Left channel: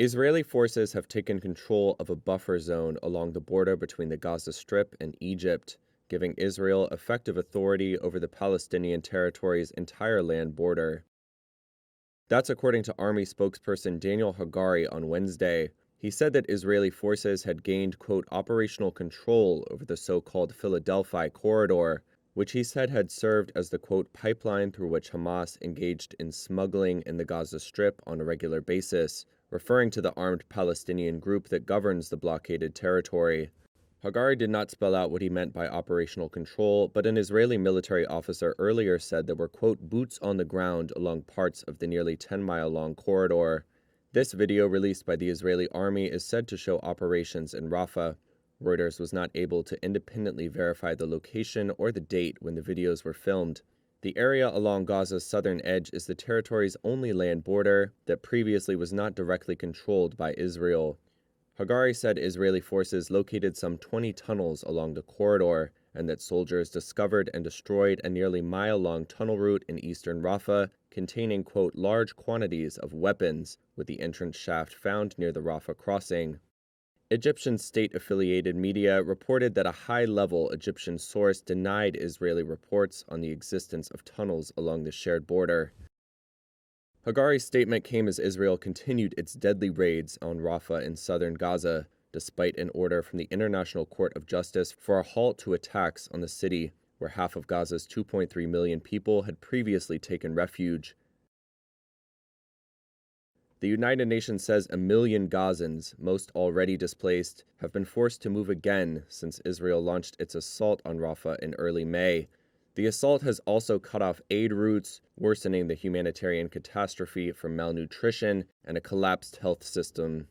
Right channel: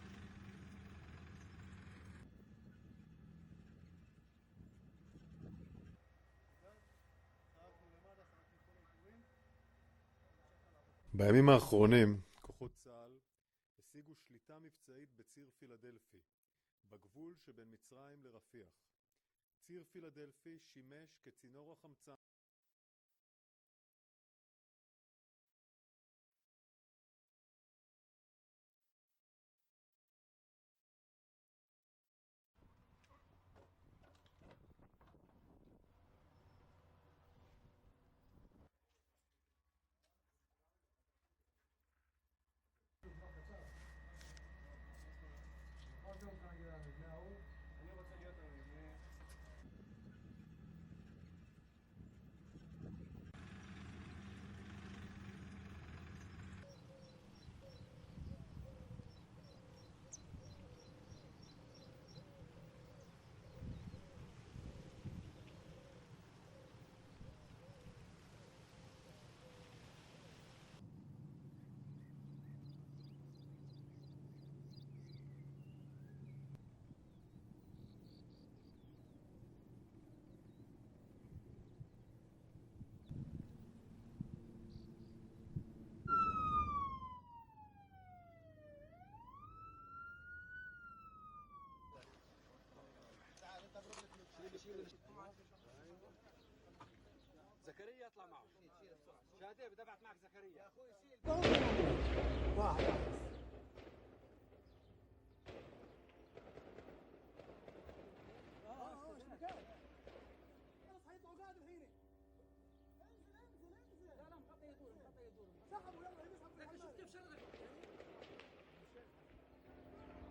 Israeli forces have taken control of a buffer zone along the border between the Gaza Strip and Egypt, giving Israel effective authority over the Palestinian territory's entire land border. That's according to Army spokesperson Daniel Hagari on Wednesday. He said that Israeli forces had gained, quote, operational control over the so-called Philadelphia corridor, which he said had served as the, quote, pipeline through which Hamas engaged in smuggling in the Gaza Strip on a regular basis, referring to the armed Palestinian group that governs the blockaded territory. Hagari did not spell out what he meant by operational control, but an Israeli military officer earlier said there were, quote, boots on the ground along parts of the nearly 10-mile-long corridor. This video released by the Israeli army is said to show operations in Rafah. Reuters was not able to independently verify the location or the date when the videos were filmed. The area along Gaza's southern edge is the territory's only land border that previously was not directly controlled by Israel. Hagari said Israeli forces located some 20 tunnels along the corridor and that soldiers discovered and destroyed a nearly mile-long tunnel route in eastern Rafah containing, quote, large quantities of weapons, with the entrance shaft found near the Rafah crossing. Egyptian state-affiliated media reported that a high-level Egyptian source denied Israeli reports on the existence of tunnels along the shared border. Hagari's statement came as Israel continued its deadly raids on Rafah in southern Gaza, despite an order from the International Court of Justice for a halt to attacks on the city, where half of Gaza's 2.3 million people had previously taken refuge. The United Nations says 1 million Gazans, most already displaced, have been forced to move again since Israel launched its assault on Rafah in early May. The assault has also cut off aid routes, worsening the humanitarian catastrophe from malnutrition and a collapsed health system.